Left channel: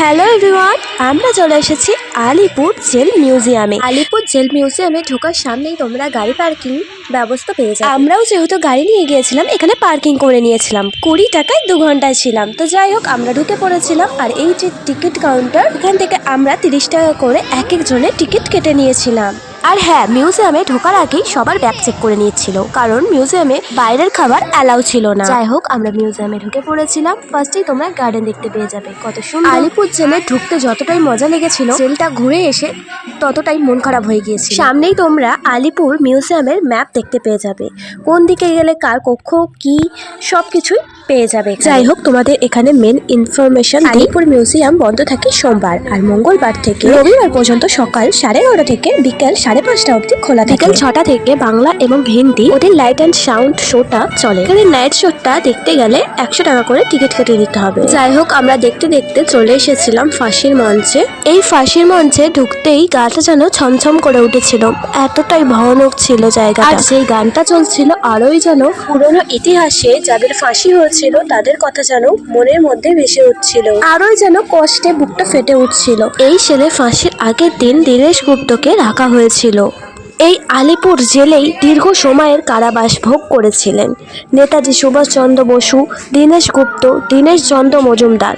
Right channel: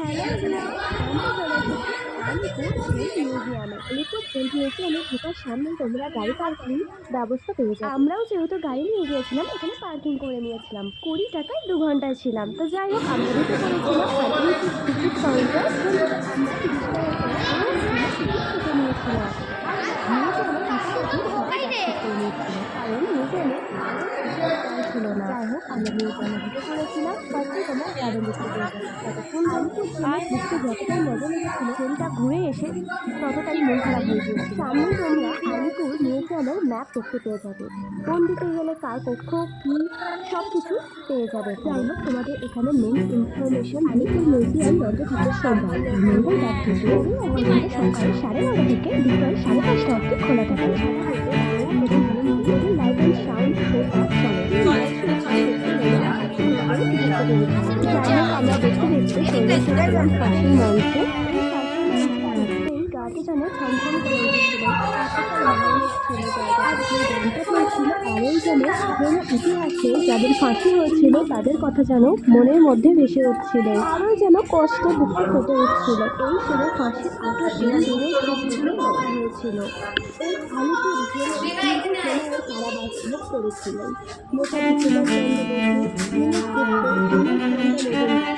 Hello everyone, আমরা চলে এসেছি আলিপুর জেল মিউজিয়ামে। আলিপুর জেল মিউজিয়ামে ঢোকার সামনেই তোমরা গাড়ি পার্কিং ব্যবস্থা পেয়ে যাবে। আমরাও যেহেতু গাড়ি নিয়ে গিয়েছিলাম, এখানে পার্কিং করে নিয়েছিলাম। 20 টাকায় 2 ঘন্টায় ছিলাম। তো যাই হোক, আমরা ঢুকে পড়েছিলাম। আর এই যে টিকিট কাউন্টার, এখান থেকে আমরা 30 টাকা করে এক একজনের টিকিট কেটে নিয়েছিলাম। আর হ্যাঁ, মিউজিয়ামে ঢোকার আগেই সবার ব্যাগ চেক করে নিচ্ছিল, কারণ মিউজিয়ামে বাইরের খাবার অ্যালাউ ছিল না। যাই হোক, আমরা মিউজিয়ামে ঢুকে পড়েছিলাম। ফার্স্টেই তোমরা গার্ডেন দেখতে পেয়ে যাবে, কত সুন্দর। আলিপুর জেলে ঢুকতে যতটাই মজা লেগেছিল, জেলটা ঘুরে এসে ততটাই মন খারাপ হয়ে গিয়েছিল। সামনেই তোমরা আলিপুর মিউজিয়ামের ম্যাপ দেখতে পেয়ে যাবে, কোন দিকে গেলে কার কক্ষ কি সবকিছুই পেয়ে যাবে। যাই হোক, তোমাদের এখানে মেন ইনফরমেশন, আলিপুর মিউজিয়াম বন্ধ থাকে সোমবার আর মঙ্গলবার থেকে রবিবার পর্যন্ত সকাল 9:30 থেকে বিকেল 5:30 অবধি খোলা থাকে। বিকেল 6টা থেকে বাংলা এবং হিন্দি ওদের লাইট অ্যান্ড সাউন্ড শোটা চলে। এখানে নাইট শোটা দেখতে গেলে 100 টাকা করে টিকিট কেটে দিতে হবে। যাই হোক, আমরা দেখতে দেখতে চলে এসেছিলাম ফাঁসির মঞ্চে। এই ফাঁসির মঞ্চে ঢুকতেই গাটা যেন ছমছম করে উঠেছিল, এতটাই ভয়ানক ছিল জায়গা। আর সেই গানটা চলছিল, আরোই যেন পুরনো ইতিহাসে যাদের ফাঁসি হয়েছিল তাদের কথা যেন মনের মধ্যে ভেসে উঠছিল, আরোই যেন কষ্টে বুকটা ফেটে উঠছিল। এই ছেলে ফাঁসির আগের দিন দীনেশ গুপ্তকে রাখা হয়েছিল। এই আলিপুর জেলেই দীর্ঘ সময়ের কারাবাস ভোগ করেছিলেন নেতাজি সুভাষচন্দ্র বসু, দীনেশ গুপ্ত, দীনেশ চন্দ্র মজুমদার।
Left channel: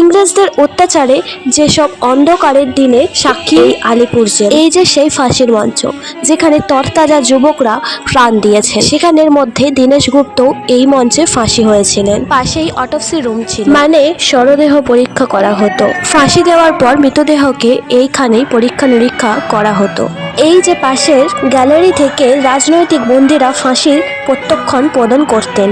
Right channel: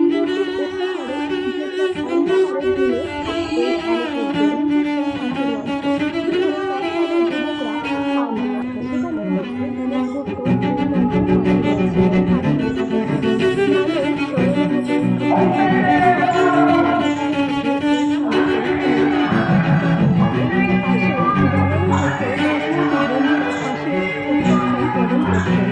ইংরেজদের অত্যাচারে যেসব অন্ধকারের দিনে সাক্ষী এই আলিপুর জেল। এই যে সেই ফাঁসির মঞ্চ, যেখানে তরতাজা যুবকরা প্রাণ দিয়েছে, সেখানের মধ্যে দীনেশ গুপ্ত এই মঞ্চে ফাঁসি হয়েছিলেন। পাশেই অটোপসি রুম ছিল, মানে শরদেহ পরীক্ষা করা হতো। ফাঁসি দেওয়ার পর মৃতদেহকে এইখানেই পরীক্ষা নিরীক্ষা করা হতো। এই যে পাশের গ্যালারি থেকে রাজনৈতিক বন্দীরা ফাঁসির প্রত্যক্ষণ প্রদান করতেন।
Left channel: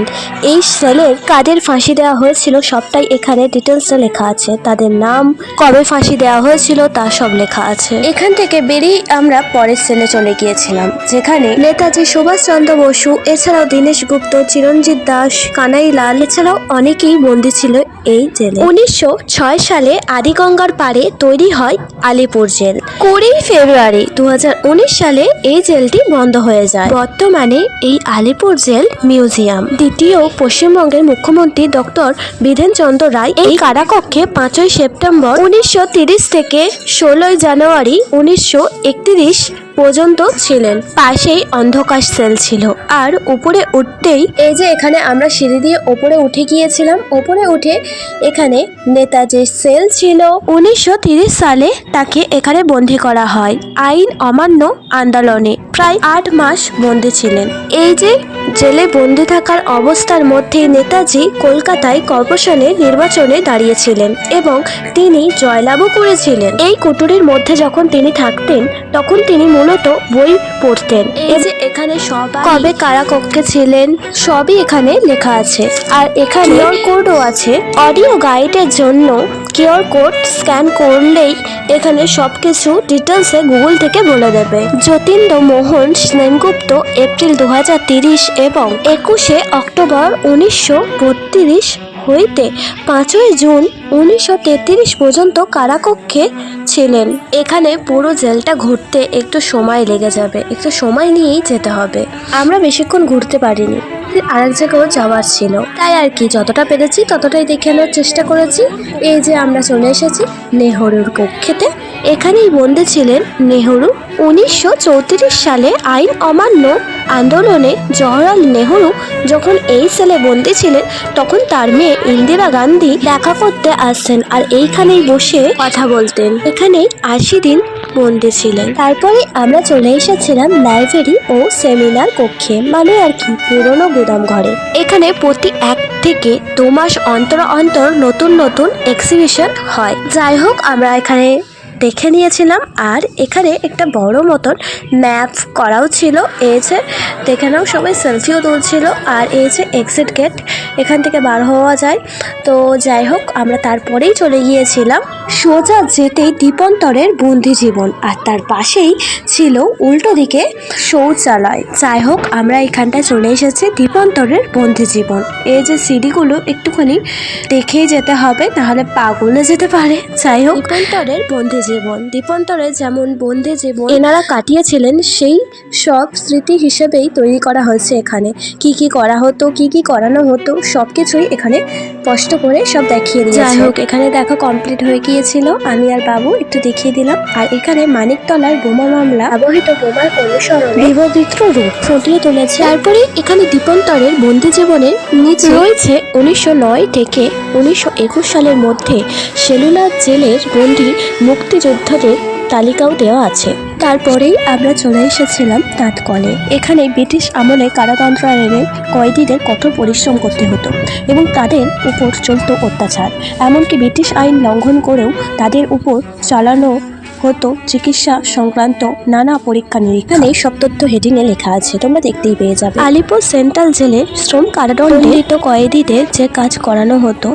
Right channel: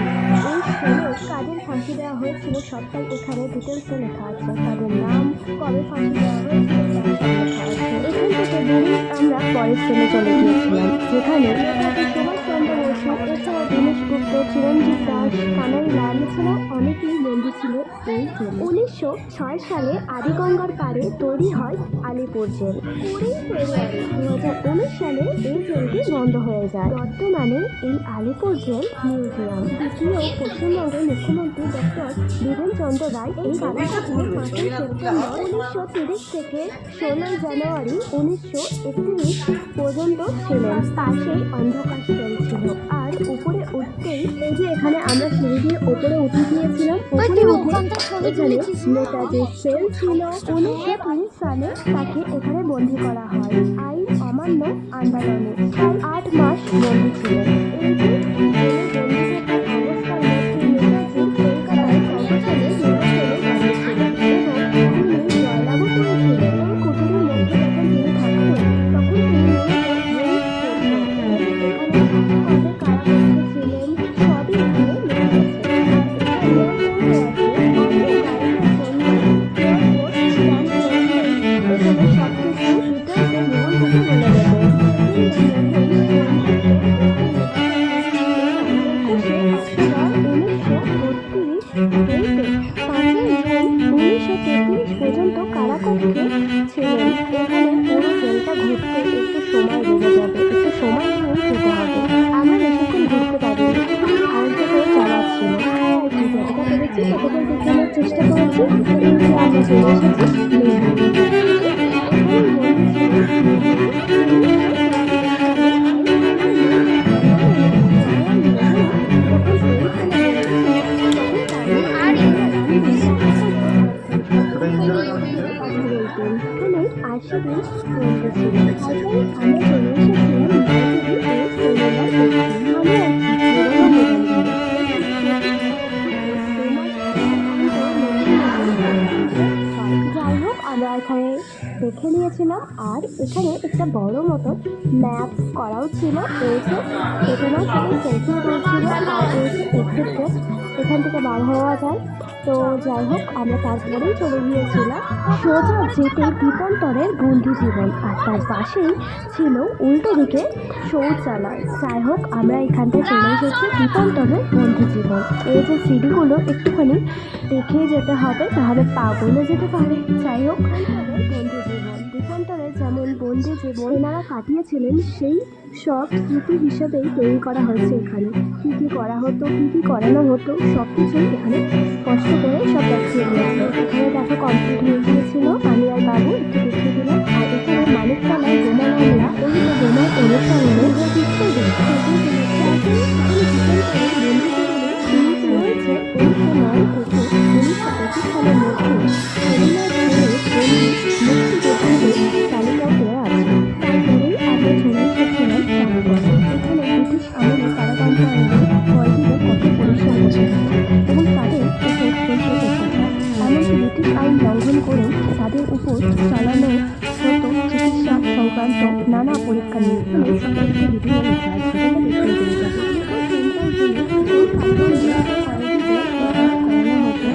এই সেলের কাদের ফাঁসি দেওয়া হয়েছিল সবটাই এখানে ডিটেলসে লেখা আছে, তাদের নাম, কবে ফাঁসি দেওয়া হয়েছিল তা সব লেখা আছে। এখান থেকে বেরিয়ে আমরা পরের সেলে চলে গিয়েছিলাম, যেখানে নেতাজি সুভাষচন্দ্র বসু, এছাড়াও দীনেশ গুপ্ত, চিরঞ্জিত দাস, কানাইলাল, এছাড়াও অনেকেই বন্দী ছিল এই জেলে। 1906 সালে আদিগঙ্গার পাড়ে তৈরি হয় আলিপুর জেল। 20 ফেব্রুয়ারি 2019 সালে এই জেলটি বন্ধ হয়ে যায়। বর্তমানে এই আলিপুর জেল মিউজিয়াম। দ্বিতীয় পশ্চিমবঙ্গের মুখ্যমন্ত্রী ডক্টর বিধেন চন্দ্র রায় এই কারাকক্ষে 5ই সেপ্টেম্বর 1930 থেকে 16ই জানুয়ারি 1931 পর্যন্ত ছিলেন। পাশেই অন্ধকার সেল ছিল। আর উপরে উঠতেই এই যে এখানে আমরা সিঁড়ি দিয়ে উপরে উঠে গিয়েছিলাম। উপরে উঠে এখানে নেতাজির সেল ছিল। 1930 সালে তাকে এখানে বন্দী করা হয় আইন অমান্য আন্দোলনে। প্রায় 8 মাস বন্দী ছিলেন। এই যে জেলে বন্দী থাকার অবস্থার মধ্যে নেতাজি কলকাতায় কর্পোরেশনের নির্বাচনে দাঁড়িয়েছিলেন এবং তিনি জয়লাভও করেছিলেন। এই কুটুরির মধ্যে যখন তিনি থাকতেন, তখন তিনি মূলত বই পড়তেন। এই যে এখানে সবাই কবে কারাকক্ষে ছিলেন সবই এখানে লেখা আছে। আর এখানে কিউআর কোডও আছে। অডিও গাইডের জন্য কিউআর কোড স্ক্যান করলেই এখানে সবকিছু ডিটেলসে গুগল থেকে বলে দেবে। যতীন্দ্র মোহন সেনগুপ্ত এপ্রিল 2030 এবং 21শে অক্টোবর 1932 হইতে 5ই জুন 1933 পর্যন্ত কারাকক্ষে ছিলেন। এখানে পুরো জেলটা ঘুরতে একটু সময় লেগে যাবে, একটু সময় নিয়েই যেতে হবে। আমরা বেশিক্ষণ ঘুরতে পারিনি, আরেক জায়গাও যাওয়ার ছিল, তাই আর কি যতটা পেরেছি ততটাই দেখে আনার চেষ্টা করেছি। এই যে আমরা চলে এসেছি নেহরুর কক্ষেতে। এখানেই বন্দী ছিলেন নেহরু। 1934 সালে আইন অমান্য আন্দোলনে জওহরলাল নেহরু যখন এই সেলে বন্দী ছিলেন, তখন তার মেয়ে ইন্দিরা গান্ধী দেখা করতে আসতেন আর এইখানেই বসে কথা বলতেন। এখানেই 80 দিন বন্দী ছিলেন। তারপরে আমরা চলে এসেছিলাম লাইব্রেরি ও সেমিনার কক্ষে, মানে আর কি পুরনো গুদাম ঘরে। এখানে প্রতি 1 থেকে 2 মাস অন্তর অন্তর নতুন নতুন এক্সিবিশন হয়। যাই হোক, আমরা এখানে দেখে নিয়েছিলাম। আর এখানে একটা বড় মতন ম্যাপ করাও ছিল। এই যে দেখে নাও, সবাই সেলফিও তুলছিল। আর এই যে এক্সিট গেট, এখান থেকে বার হওয়া যায়। তো যাই হোক, আমরা তারপরেই চলে গিয়েছিলাম সোজা যেতেই দীপন্তরের বন্দি জীবন, আর তার পাশেই ছিল উল্টো দিকে শৌচালয়। যাই হোক, আমরা এখানটায় চলে এসেছি দীপন্তরের বন্দি জীবন। এই যে সিঁড়িগুলো একটুখানি দেখেই যেতে হবে, নাহলে পা গলে যেতে পারে। যাই হোক, দীপন্তরের বন্দি জীবন জীবন। দ্বীপান্তরে যেমন বন্দি জীবন এনারা কাটিয়েছিলেন, সেই সব স্মৃতি হিসেবেই তৈরি করা হয়েছে এখানে। কি কি করা হতো, কি কি করানো হতো, সব কিছুই এখানে কষ্ট করে সব দেখিয়ে দিয়েছে। যাই হোক, এখানে দেখা কমপ্লিট হয়ে গিয়েছিল। আমি আর বাবু একটু দেখিয়ে দিলাম। আর এখানে মানিকতলার বোমা মামলা ব্যবহৃত বোমার অনুসরণে বিবিধ রূপ ফুটিয়ে তুলেছে। তারপরে এখানে দ্বীপান্তরের বন্দি জীবনের নিচে রয়েছে 1909 থেকে 1921 সালের মধ্যে সেলুলার জেলের বন্দি মুক্তিযোদ্ধাদের তালিকাও দেওয়া আছে। তারপরেই আমরা চলে এসেছিলাম তাঁতকলে। এখানে ব্রিটিশ আমলে কারাতন্ত্রাগারের কয়েদিদের কঠোর পরিশ্রম করতে হতো এবং তাদের উপর চলত অত্যাচার। এমনকি ব্রিটিশ আইন লঙ্ঘন করেও তাদের উপর চালানো হতো চিকিৎসা সংক্রান্ত নানা পরীক্ষা নিরীক্ষা। এখানে সব তথ্য হেডিংয়ে লেখা আছে, তোমরা দেখতেই পেয়ে যাবে। আলিপুর সেন্ট্রাল জেলে শ্রম কারাদণ্ডিত কয়েদিদের যে কাজ করানো হতো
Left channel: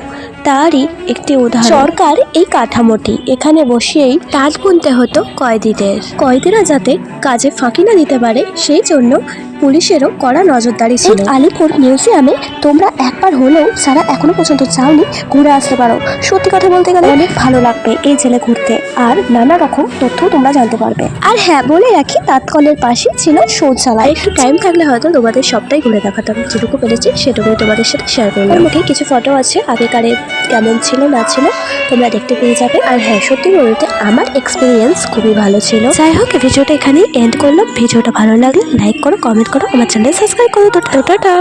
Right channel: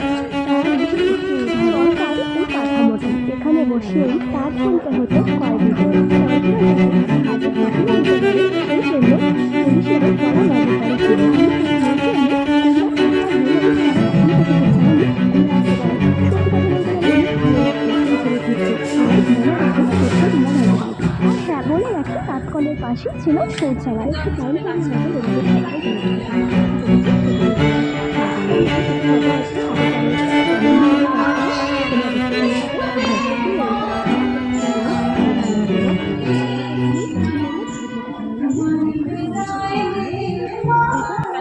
তারই একটি উদাহরণ সরকার এই কাঠামোটি। এখানে বসিয়েই তাঁত বুনতে হতো কয়েদিদের। কয়েদিরা যাতে কাজে ফাঁকি না দিতে পারে সেই জন্য পুলিশেরও কড়া নজরদারি ছিল। আলিপুর মিউজিয়ামে তোমরা একবার হলেও যারা এখনো পর্যন্ত যাওনি ঘুরে আসতে পারো। সত্যি কথা বলতে গেলে অনেক ভালো লাগবে এই জেলে ঘুরতে, আর নানা রকম তথ্য তোমরা জানতে পারবে। আর হ্যাঁ, বলে রাখি তাঁতকলের পাশে ছিল শৌচালয়। একটু টাইম থাকলে হয়তো তোমাদের সবটাই ঘুরে দেখাতাম, যেটুকু পেরেছি সেটুকুই তোমাদের সাথে শেয়ার করলাম। ওর মুখে কিছু ফটো আছে আগেকারের, কেমন ছিল না ছিল তোমরা দেখতে পেয়ে যাবে। আর হ্যাঁ, সত্যি বলতে আমার এক্সপিরিয়েন্স খুবই ভালো ছিল। যাই হোক, ভিডিওটা এখানেই এন্ড করলাম। ভিডিওটা ভালো লাগলে লাইক করো, কমেন্ট করো, আমার চ্যানেল সাবস্ক্রাইব করো। টাটা।